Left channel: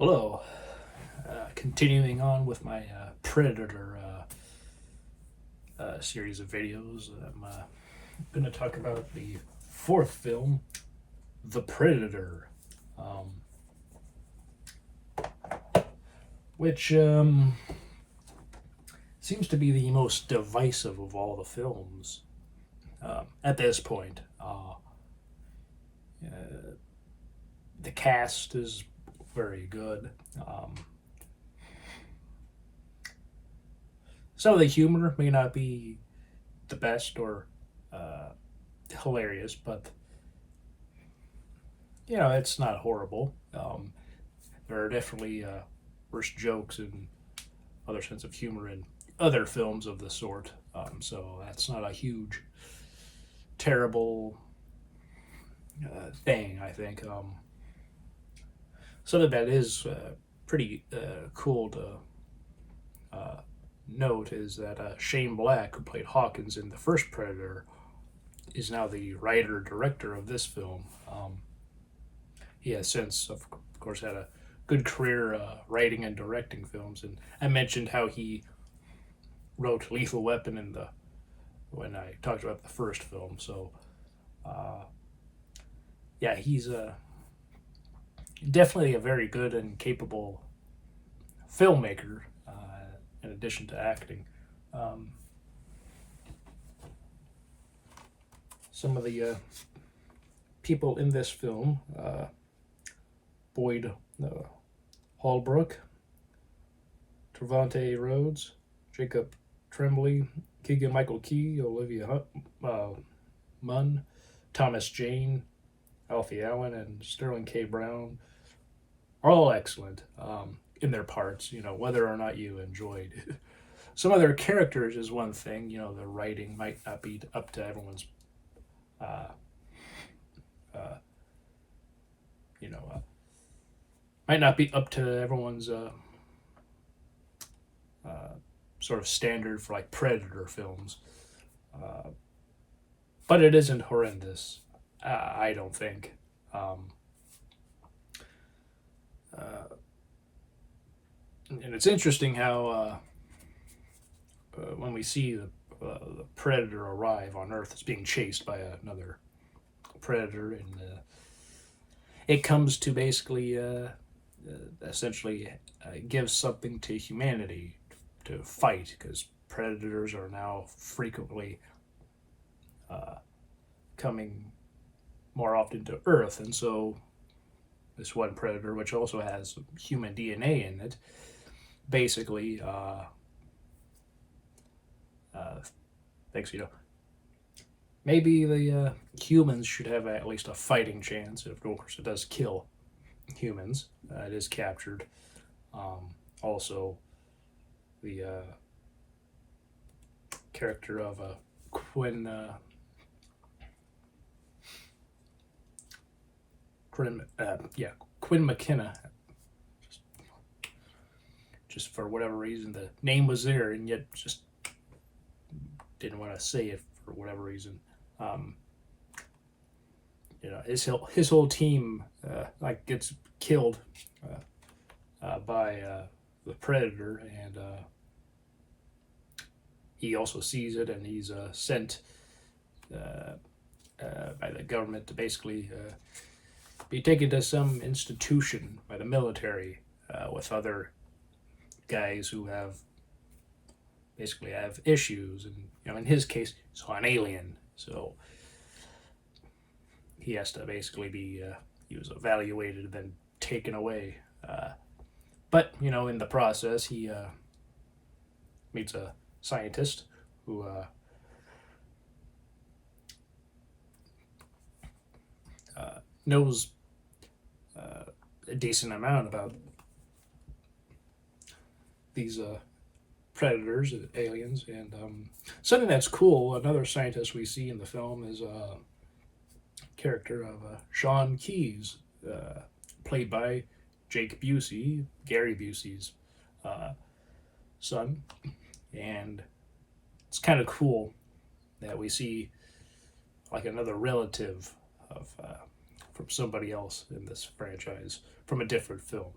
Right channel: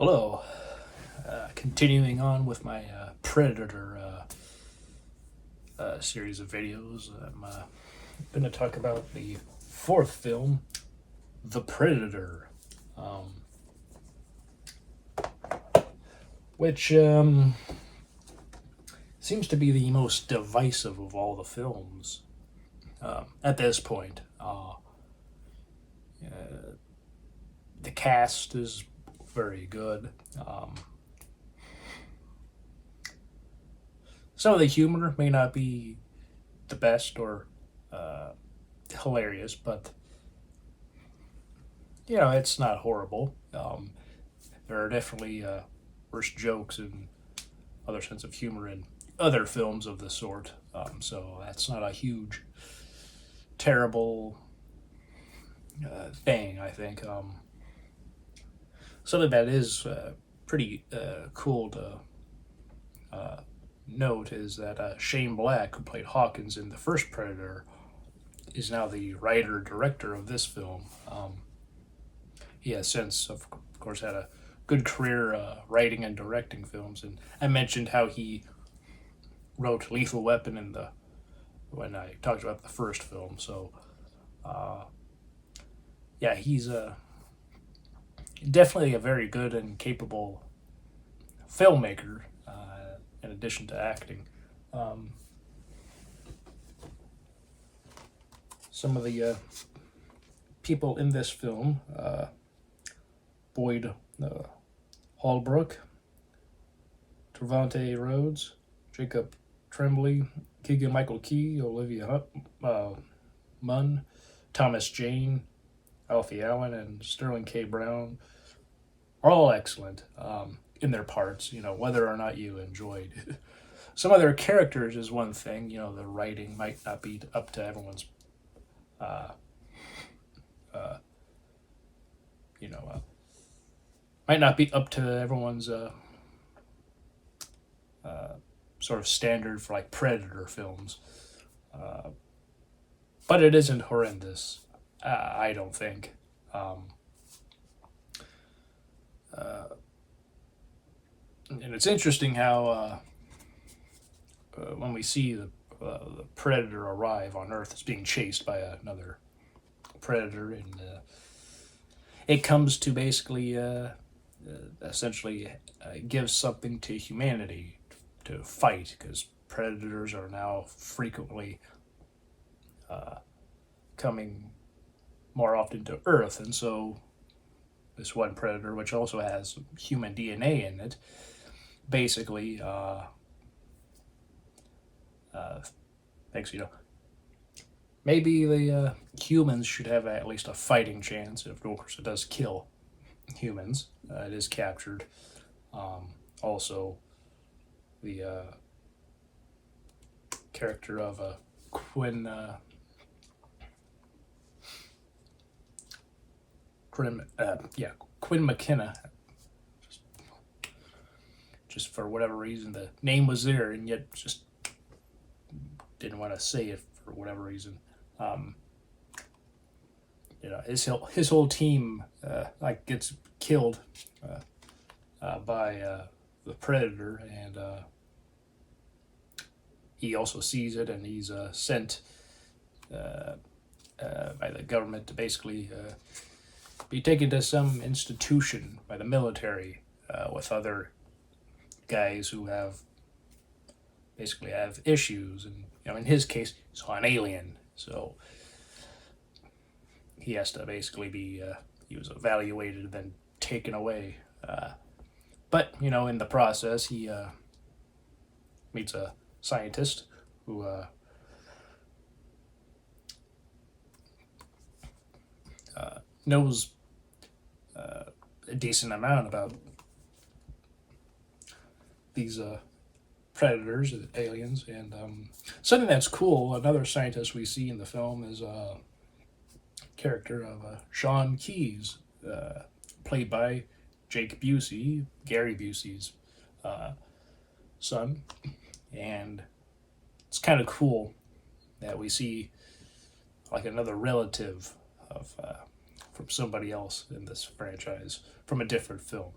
Hello. Continuing on with my Predator series of videos, I'm going to talk about the fourth film, The Predator, which seems to be the most divisive of all the films at this point. The cast is very good. Some of the humor may not be the best or hilarious, but it's not horrible. There are definitely worse jokes and other sense of humor in other films of the sort. So that's not a huge, terrible thing, I think. Something that is pretty cool to note is that Shane Black, who played Hawkins in the first Predator, is now the writer-director of this film. He has since, of course, had a good career writing and directing films, and I mentioned how he wrote Lethal Weapon when I talked about the first film. So, yeah, he's definitely a very good and capable filmmaker, in addition to acting. Some of the people in this film, Boyd Holbrook, Trevante Rhodes, Jacob Tremblay, Keegan Michael Key, Olivia Munn, Thomas Jane, Alfie Allen, and Sterling K. Brown are all excellent in their parts, whether or not you enjoyed some of their characters is one thing. The writing might not be up to everyone's might not be up to everyone's sort of standard for like Predator films, but it isn't horrendous. I don't think. And it's interesting how when we see the Predator arrive on Earth, it's being chased by another Predator, and it comes to basically essentially gives something to humanity to fight, because Predators are now frequently coming more often to Earth, and so this one Predator, which also has human DNA in it, basically thinks, maybe the humans should have at least a fighting chance. Of course, it does kill humans. It is captured. Also, the character of Quinn McKenna. Just for whatever reason, the name was there, and yet just didn't want to say it for whatever reason. His whole team gets killed by the Predator, and he also sees it, and he's sent by the government to basically be taken to some institution by the military with other guys who basically have issues, and in his case, he's an alien, so he has to basically be he was evaluated and then taken away. But in the process, he meets a scientist who knows a decent amount about these predators, aliens, and something that's cool. Another scientist we see in the film is a character of Sean Keyes, played by Jake Busey, Gary Busey's son, and it's kind of cool that we see like another relative of from somebody else in this franchise from a different film.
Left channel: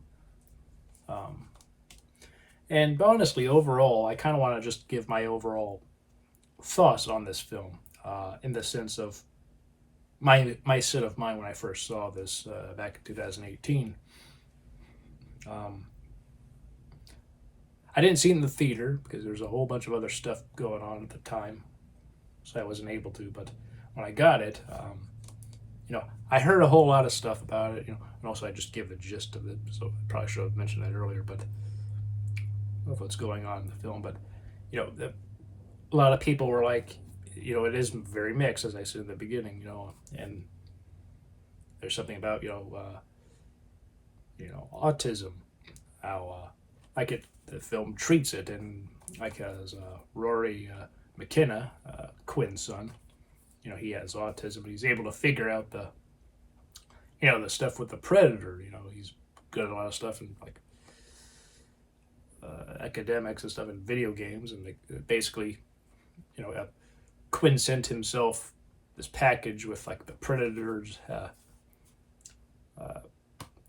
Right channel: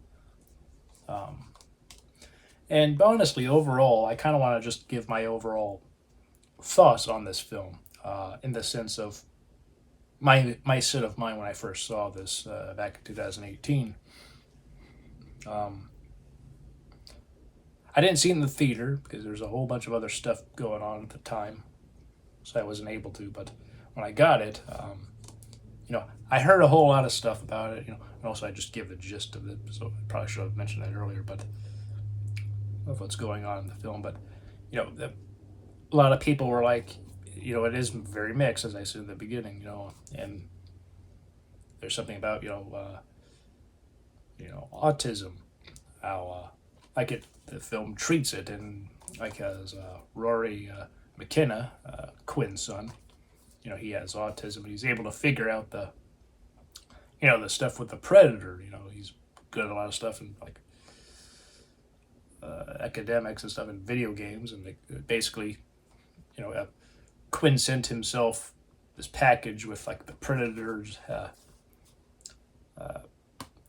And honestly, overall, I kind of want to just give my overall thoughts on this film, in the sense of my set of mind when I first saw this back in 2018. Um, I didn't see it in the theater because there's a whole bunch of other stuff going on at the time, so I wasn't able to. But when I got it, I heard a whole lot of stuff about it, and also I just give the gist of it. So I probably should have mentioned that earlier, but of what's going on in the film. But a lot of people were like, it is very mixed, as I said in the beginning, and there's something about autism, how the film treats it, and like as Rory McKenna, Quinn's son, he has autism, but he's able to figure out the stuff with the predator. He's good at a lot of stuff in like academics and stuff in video games, and basically, Quinn sent himself this package with like the predator's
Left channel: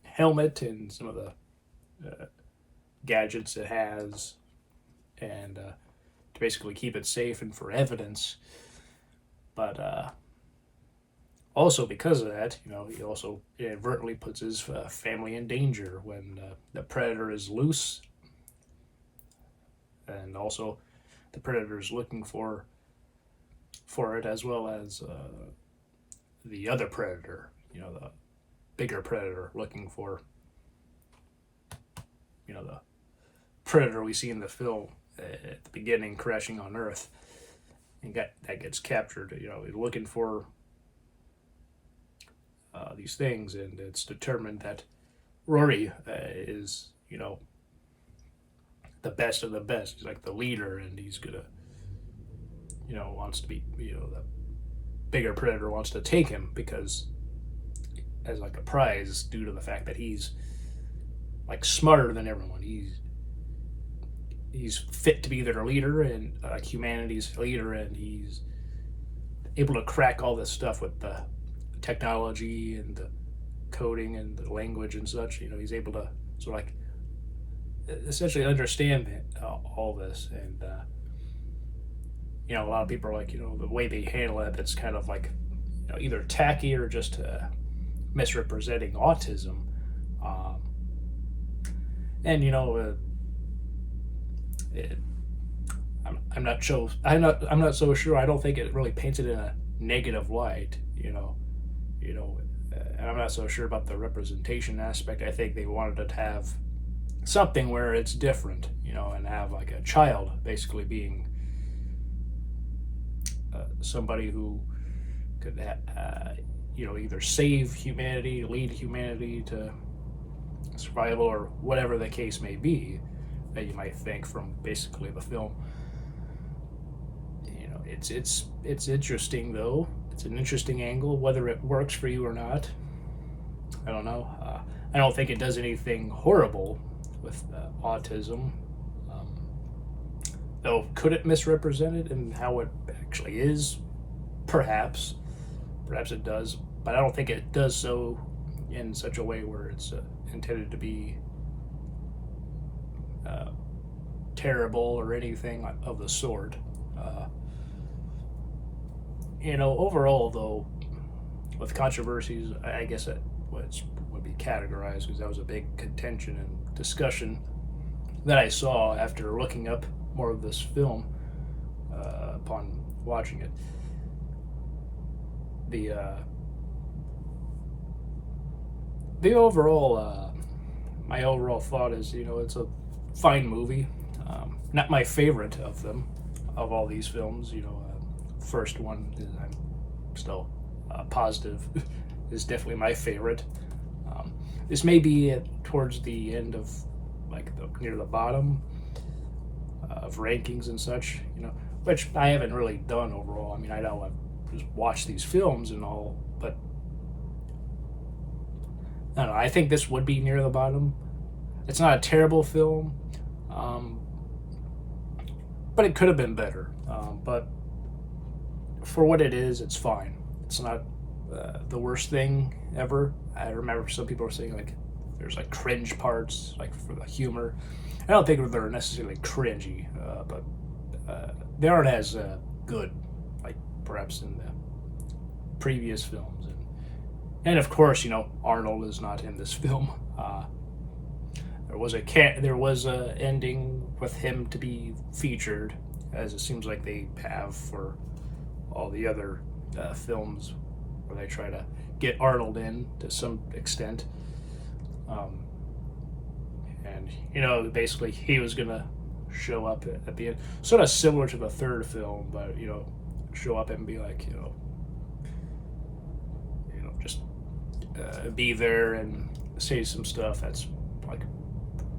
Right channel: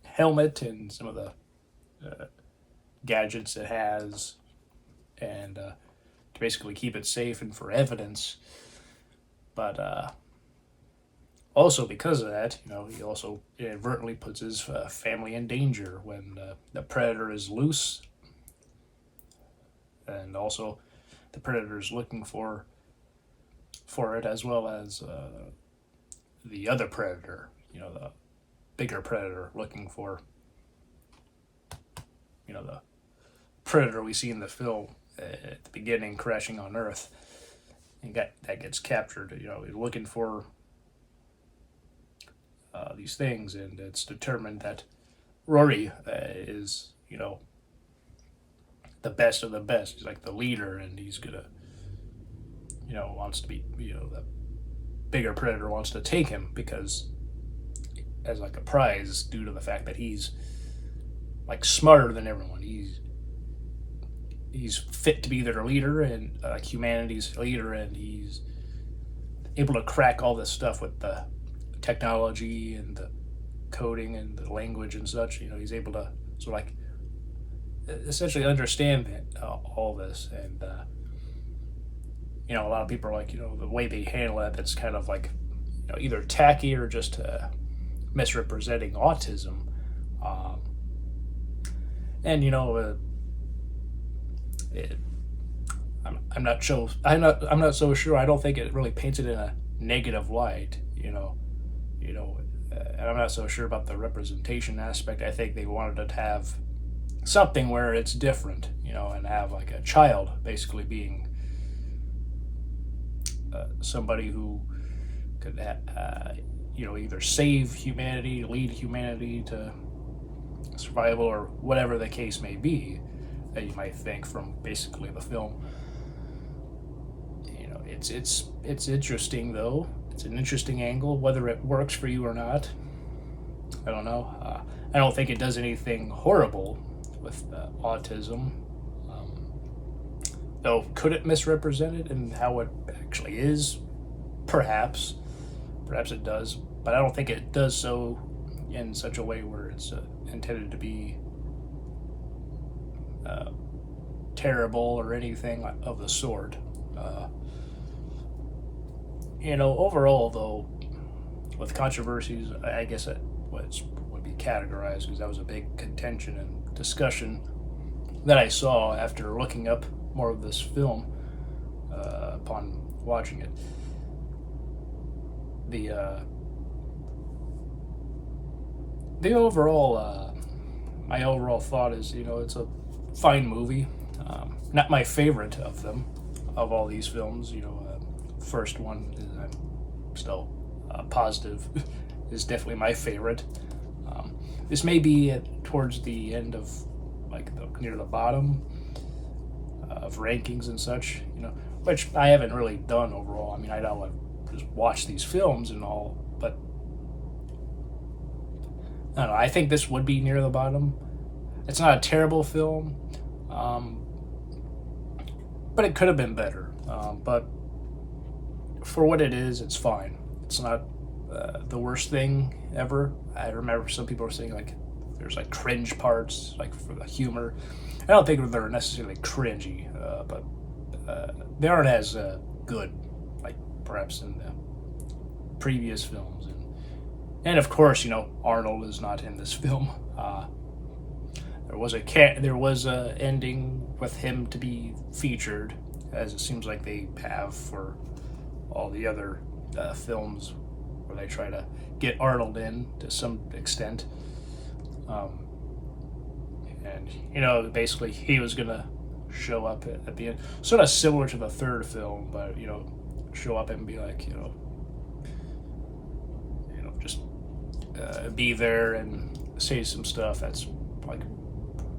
helmet and some of the gadgets it has, and to basically keep it safe and for evidence. But also because of that, he also inadvertently puts his family in danger when the predator is loose, and also the predator is looking for it, as well as the other predator, the bigger predator looking for the predator we see in the film at the beginning crashing on Earth, and that gets captured. He's looking for these things, and it's determined that Rory is the best of the best. He's like the leader, and he's gonna wants to be the bigger predator wants to take him because as like a prize, due to the fact that he's like smarter than everyone. He's fit to be their leader and humanity's leader, and he's able to crack all this stuff with the technology and the coding and the language and such. He's able to essentially understand all this, and a lot of people are like, the way they handle it, that's kind of like either tacky or just misrepresenting autism. And I'm not so sure. I don't think it really paints it in a negative light. And I'm not so sure about the representation aspect. I think they wanted to have something where it's different, and have like a child basically being somebody who could either save humanity, lead humanity to survival, or whatever the case may be that you might think from basically the film. It's interesting though. It's an interesting angle. Whether it works for you or not, I don't know. I don't think it does anything horrible with autism. Though, could it misrepresent it and how it actually is? Perhaps it does, but I don't think it does so in such a way where it's intended to be terrible or anything of the sort. Overall though, with controversies, I guess it would be categorized, because that was a big contention and discussion that I saw after looking up more of this film upon watching it. The overall, my overall thought is, it's a fine movie. Not my favorite of them, of all these films. First one is, I'm still positive is definitely my favorite. This may be towards the end of near the bottom of rankings and such, which I haven't really done overall. I mean, I know I've just watched these films and all, but I don't know. I think this would be near the bottom. It's not a terrible film, but it could have been better. But for what it is, it's fine. It's not the worst thing ever. I remember some people were saying there's like cringe parts, like for the humor. I don't think they're necessarily cringy, but they aren't as good, like perhaps in the previous films. And of course, Arnold is not in this film. There was a ending with him to be featured, as it seems like they have for all the other films where they try to get Arnold in to some extent. And basically he was gonna show up at the end, sort of similar to the third film, but show up and be like, just be there and say some stuff that's like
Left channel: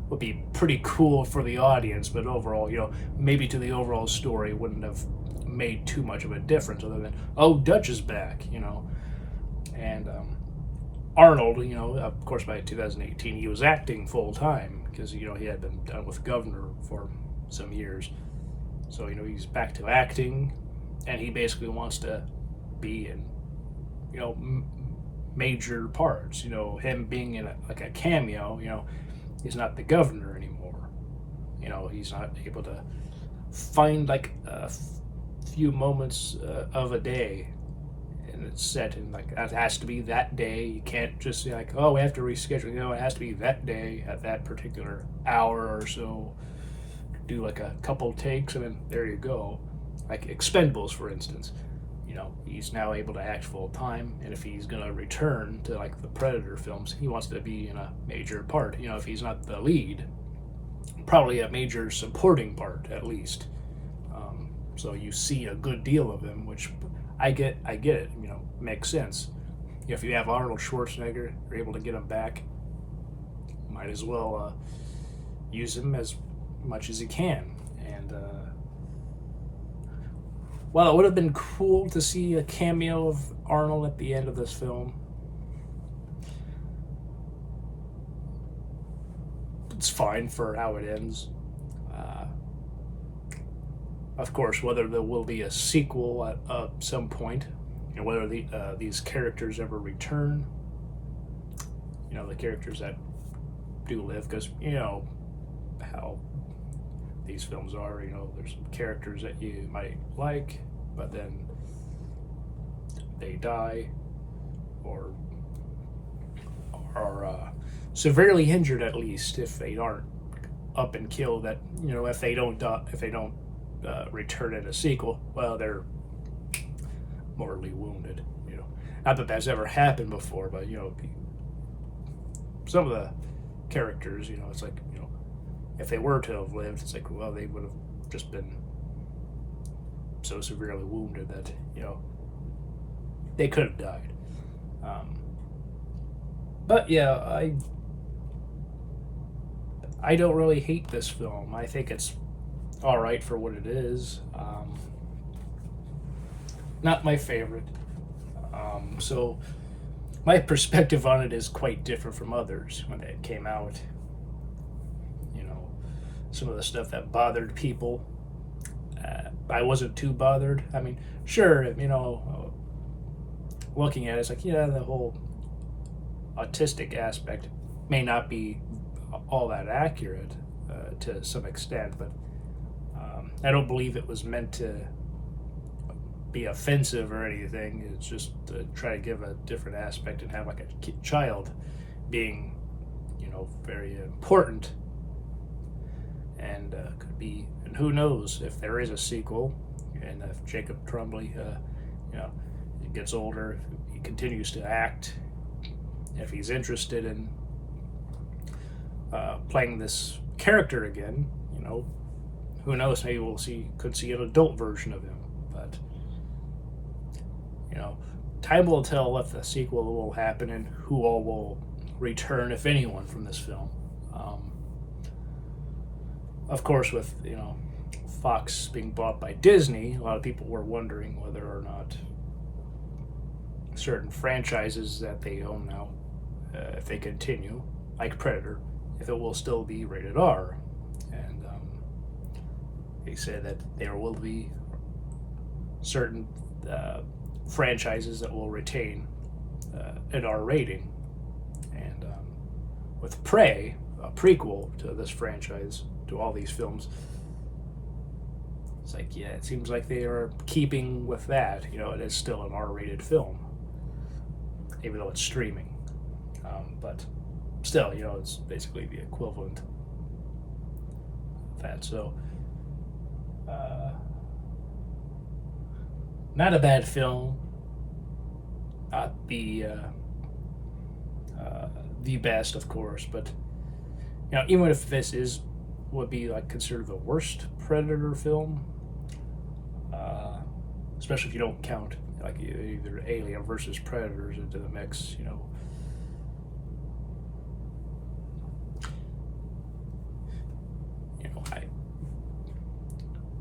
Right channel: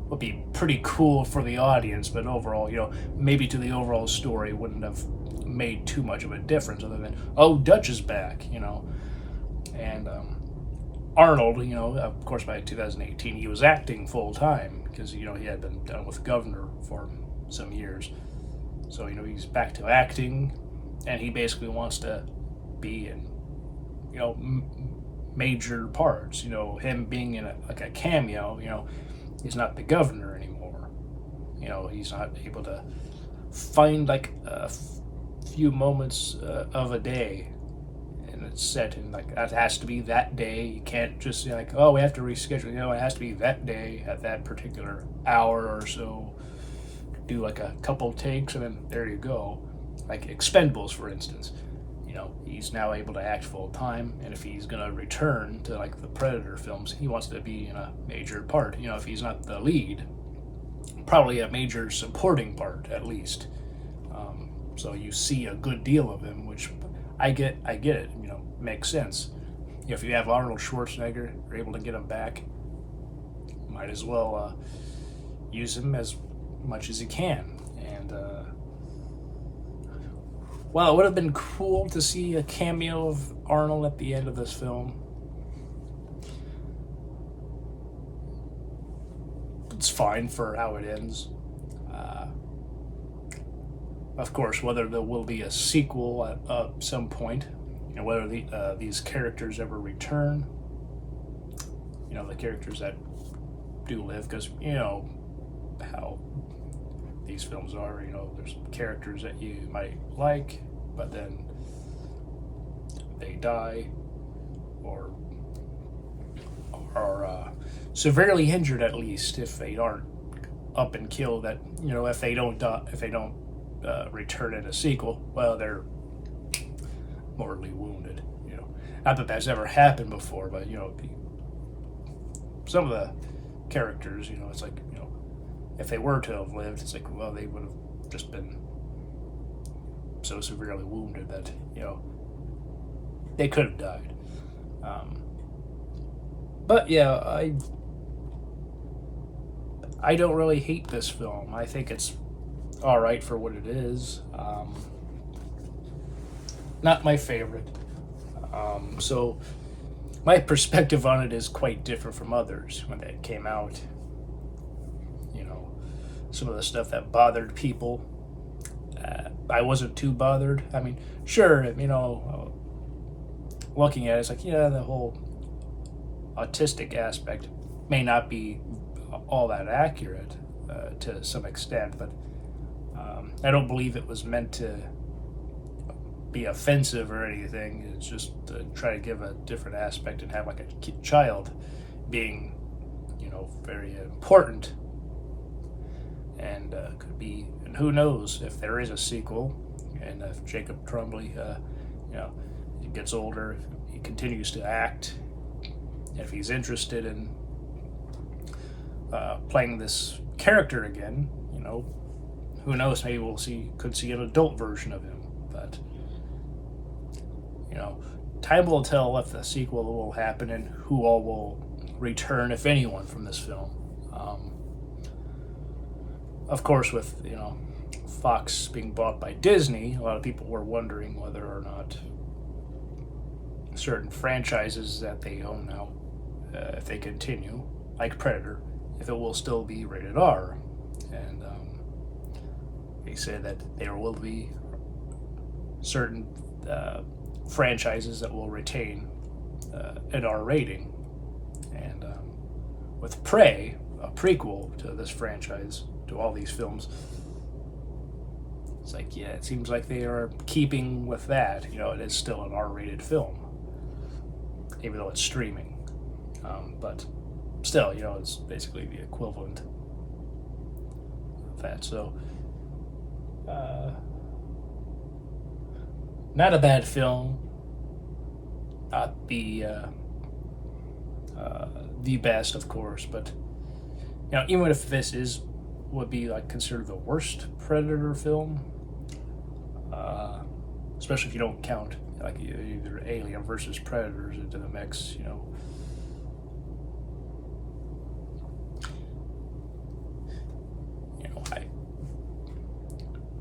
would be pretty cool for the audience, but overall, maybe to the overall story wouldn't have made too much of a difference other than, oh, Dutch is back, and Arnold, of course, by 2018 he was acting full time because he had been done with Governor for some years, so he's back to acting, and he basically wants to be in major parts. Him being in a cameo, he's not the Governor anymore. He's not able to find like a few moments of a day, and it's set in like that has to be that day. You can't just say like, oh, we have to reschedule. It has to be that day at that particular hour or so. Do like a couple takes and then there you go. Like Expendables, for instance. He's now able to act full time, and if he's gonna return to like the Predator films, he wants to be in a major part. If he's not the lead, probably a major supporting part at least. So you see a good deal of him, which I get it. Makes sense. If you have Arnold Schwarzenegger, you're able to get him back. Might as well use him as much as you can. And well, it would have been cool to see a cameo of Arnold at the end of this film. It's fine for how it ends. Of course, whether there will be a sequel at some point, whether these characters ever return, the characters that do live, because how these films are, there's characters that you might like, but then they die or are severely injured, at least if they aren't up and killed. That if they don't return in a sequel, well, they're mortally wounded. Not that that's ever happened before, but some of the characters, it's like if they were to have lived, it's like, well, they would have just been so severely wounded that they could have died. But yeah, I don't really hate this film. I think it's all right for what it is. Not my favorite. So my perspective on it is quite different from others when it came out. Some of the stuff that bothered people, I wasn't too bothered. I mean, sure, looking at it, it's like, the whole autistic aspect may not be all that accurate to some extent, but I don't believe it was meant to be offensive or anything. It's just to try to give a different aspect and have like a child being, very important. And could be, and who knows if there is a sequel, and if Jacob Tremblay, he gets older, he continues to act, if he's interested in playing this character again, who knows, maybe could see an adult version of him. But time will tell if the sequel will happen and who all will return, if anyone, from this film. Of course, with Fox being bought by Disney, a lot of people were wondering whether or not certain franchises that they own now, if they continue, like Predator, if it will still be rated R. And they said that there will be certain franchises that will retain an R rating. And with Prey, a prequel to this franchise, to all these films, it's like, yeah, it seems like they are keeping with that. It is still an R-rated film, even though it's streaming. But still, it's basically the equivalent of that. So, not a bad film. Not the best, of course, but even if this would be like considered the worst Predator film, especially if you don't count like either Alien versus Predators into the mix,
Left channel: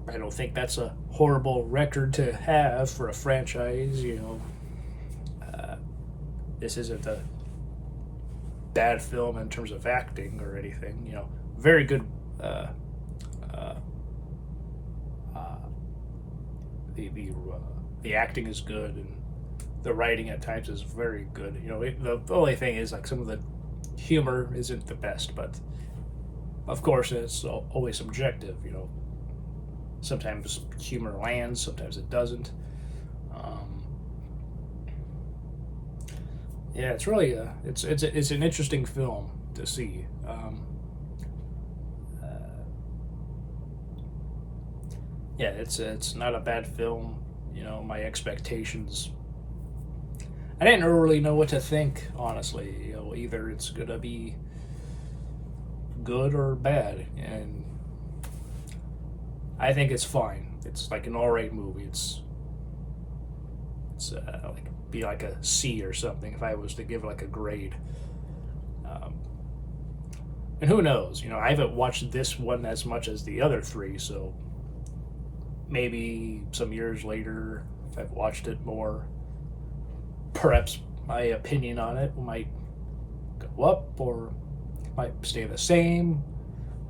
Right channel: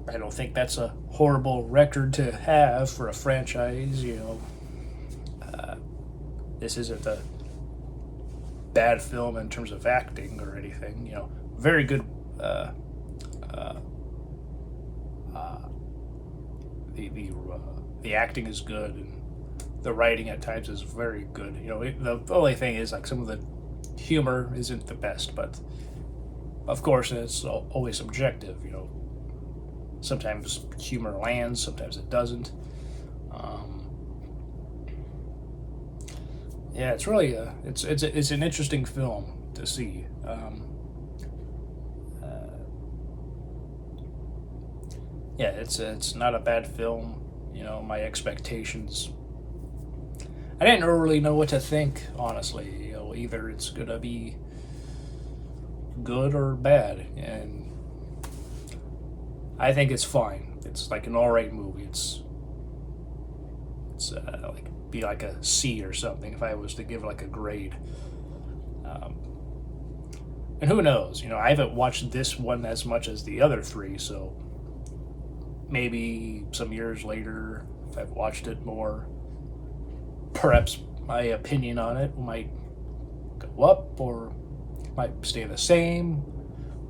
I don't think that's a horrible record to have for a franchise. This isn't a bad film in terms of acting or anything. Very good. The acting is good, and the writing at times is very good. The only thing is like some of the humor isn't the best, but of course it's always subjective. Sometimes humor lands, sometimes it doesn't. Yeah, it's really it's an interesting film to see. Yeah, it's not a bad film. My expectations, I didn't really know what to think, honestly. Either it's gonna be good or bad, and I think it's fine. It's like an alright movie. It's like be like a C or something if I was to give like a grade. And who knows? I haven't watched this one as much as the other three, so maybe some years later, if I've watched it more, perhaps my opinion on it might go up, or might stay the same,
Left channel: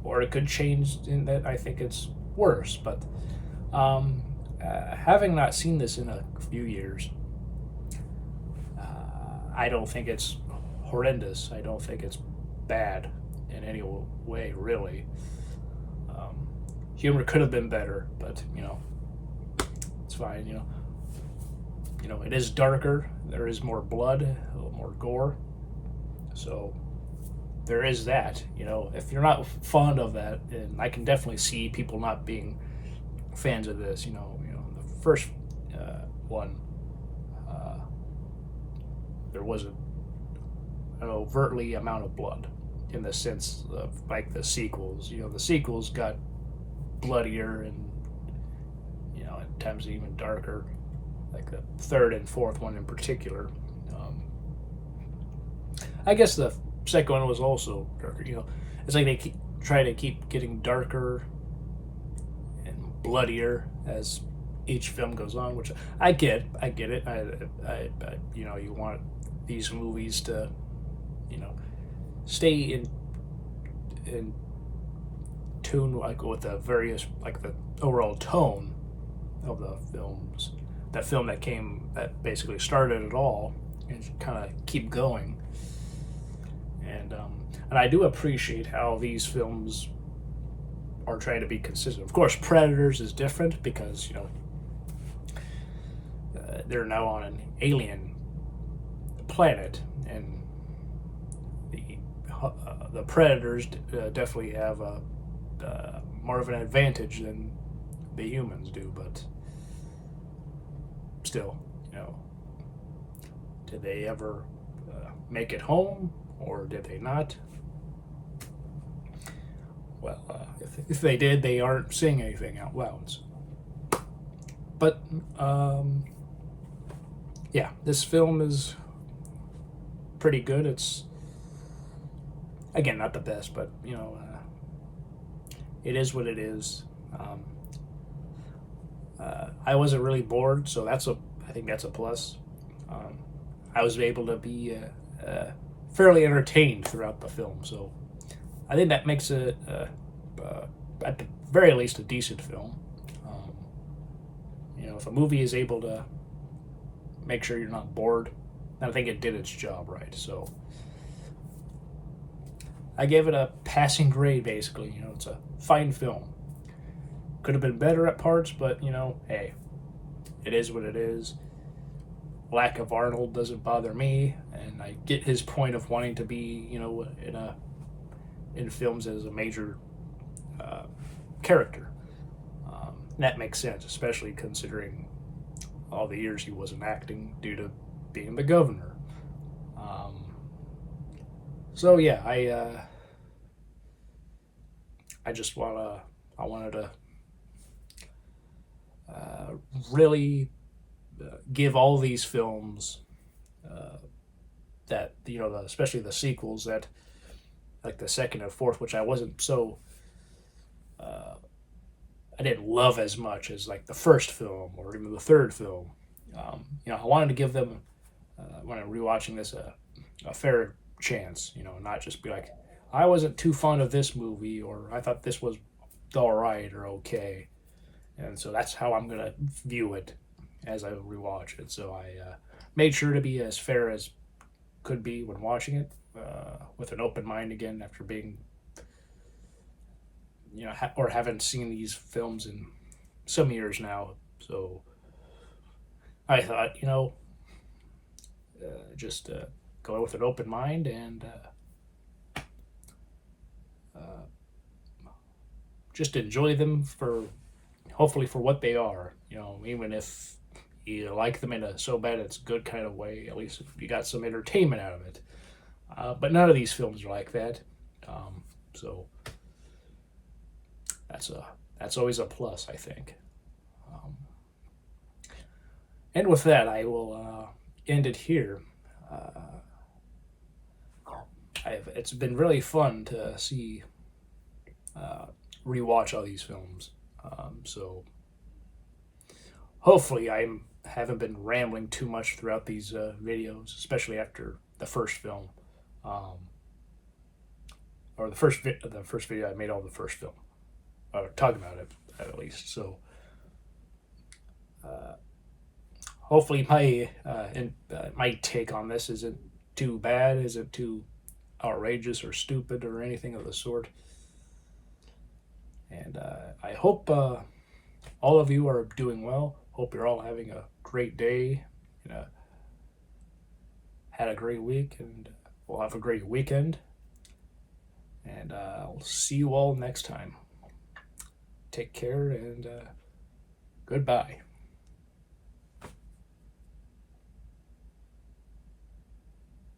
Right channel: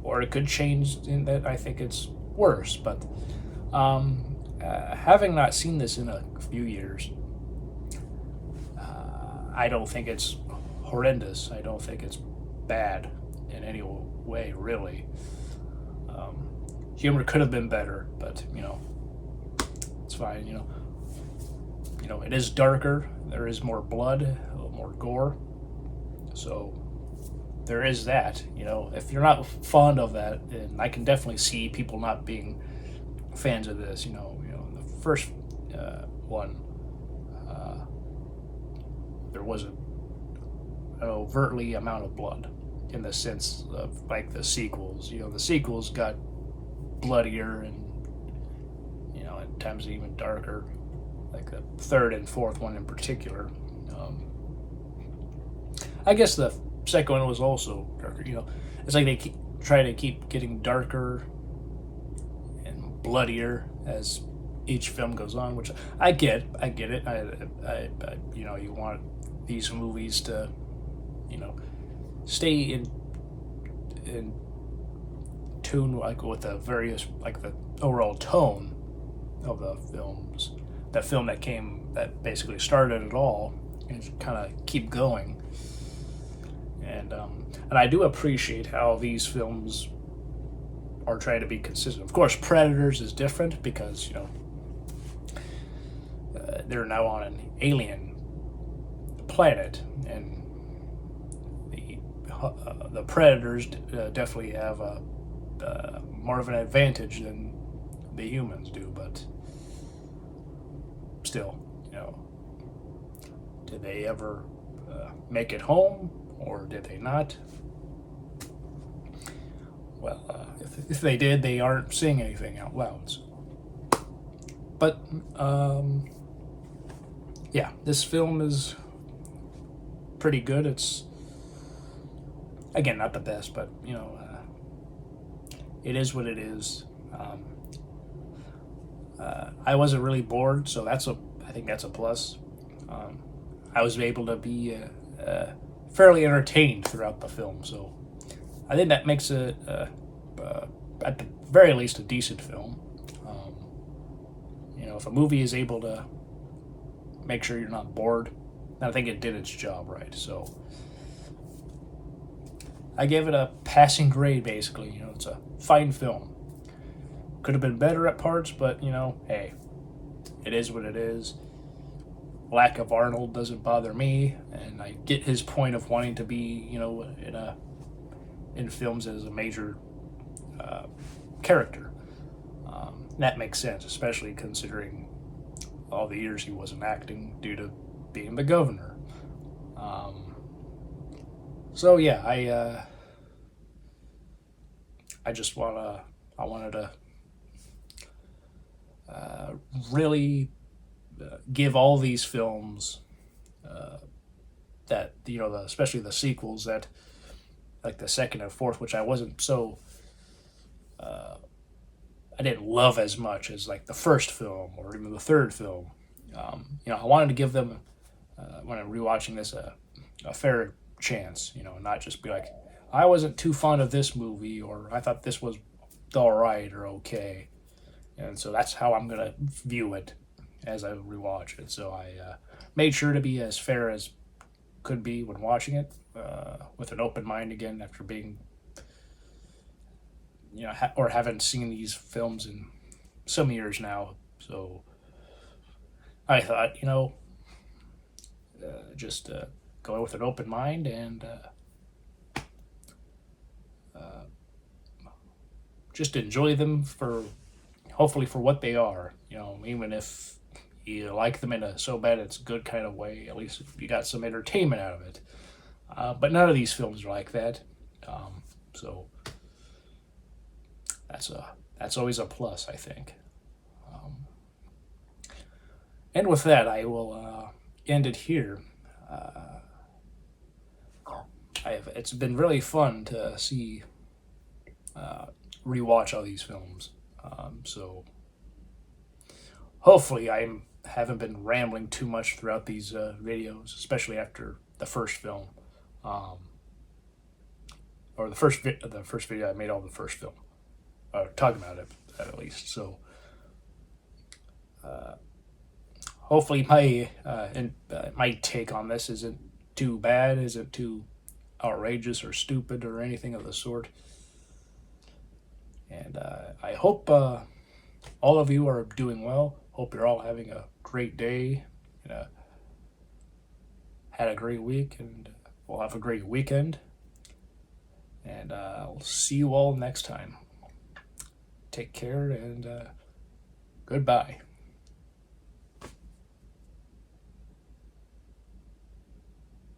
or it could change in that I think it's worse. But having not seen this in a few years, I don't think it's horrendous. I don't think it's bad in any way, really. Humor could have been better, but it's fine. It is darker. There is more blood, a little more gore. So there is that. If you're not fond of that, then I can definitely see people not being fans of this. The first one, there wasn't an overtly amount of blood in the sense of like the sequels. The sequels got bloodier and at times even darker, like the third and fourth one in particular. I guess the second one was also darker. It's like they try to keep getting darker and bloodier as each film goes on, which I get it. I you want these movies to stay in tune like with the various, like the overall tone of the films. That film that basically started it all, and kind of keep going. And I do appreciate how these films are trying to be consistent. Of course, Predators is different because they're now on an alien planet, and the Predators definitely have more of an advantage than the humans do. But still, did they ever make it home, or did they not? Well, if they did, they aren't saying anything out loud. So. But yeah, this film is pretty good. It's, again, not the best, but it is what it is. I wasn't really bored, so I think that's a plus. I was able to be fairly entertained throughout the film, so I think that makes it, at the very least, a decent film. If a movie is able to make sure you're not bored, I think it did its job right. So I gave it a passing grade, basically. You know, it's a fine film. Could have been better at parts, but, you know, hey, it is what it is. Lack of Arnold doesn't bother me, and I get his point of wanting to be, you know, in films as a major character. That makes sense, especially considering all the years he wasn't acting due to being the governor. So yeah, I just I wanted to really give all these films that, you know, especially the sequels, that like the second and fourth, which I wasn't so I didn't love as much as like the first film or even the third film. You know, I wanted to give them when I'm rewatching this a fair chance. You know, not just be like, I wasn't too fond of this movie, or I thought this was all right or okay. And so that's how I'm gonna view it as I rewatch it. So I made sure to be as fair as could be when watching it, with an open mind again after being, you know, or haven't seen these films in some years now. So I thought, you know, just go with an open mind and just enjoy them for, hopefully, for what they are. You know, even if you like them in a so bad it's good kind of way, at least you got some entertainment out of it. But none of these films are like that. So that's always a plus, I think. Um, and with that, I will end it here. It's been really fun to see rewatch all these films. So hopefully I haven't been rambling too much throughout these videos, especially after the first film, or the first video I made of the first film, or talking about it at least. So hopefully my take on this isn't too bad, isn't too outrageous or stupid or anything of the sort. And I hope all of you are doing well. Hope you're all having a great day, and had a great week, and we'll have a great weekend. And I'll see you all next time. Take care, and goodbye.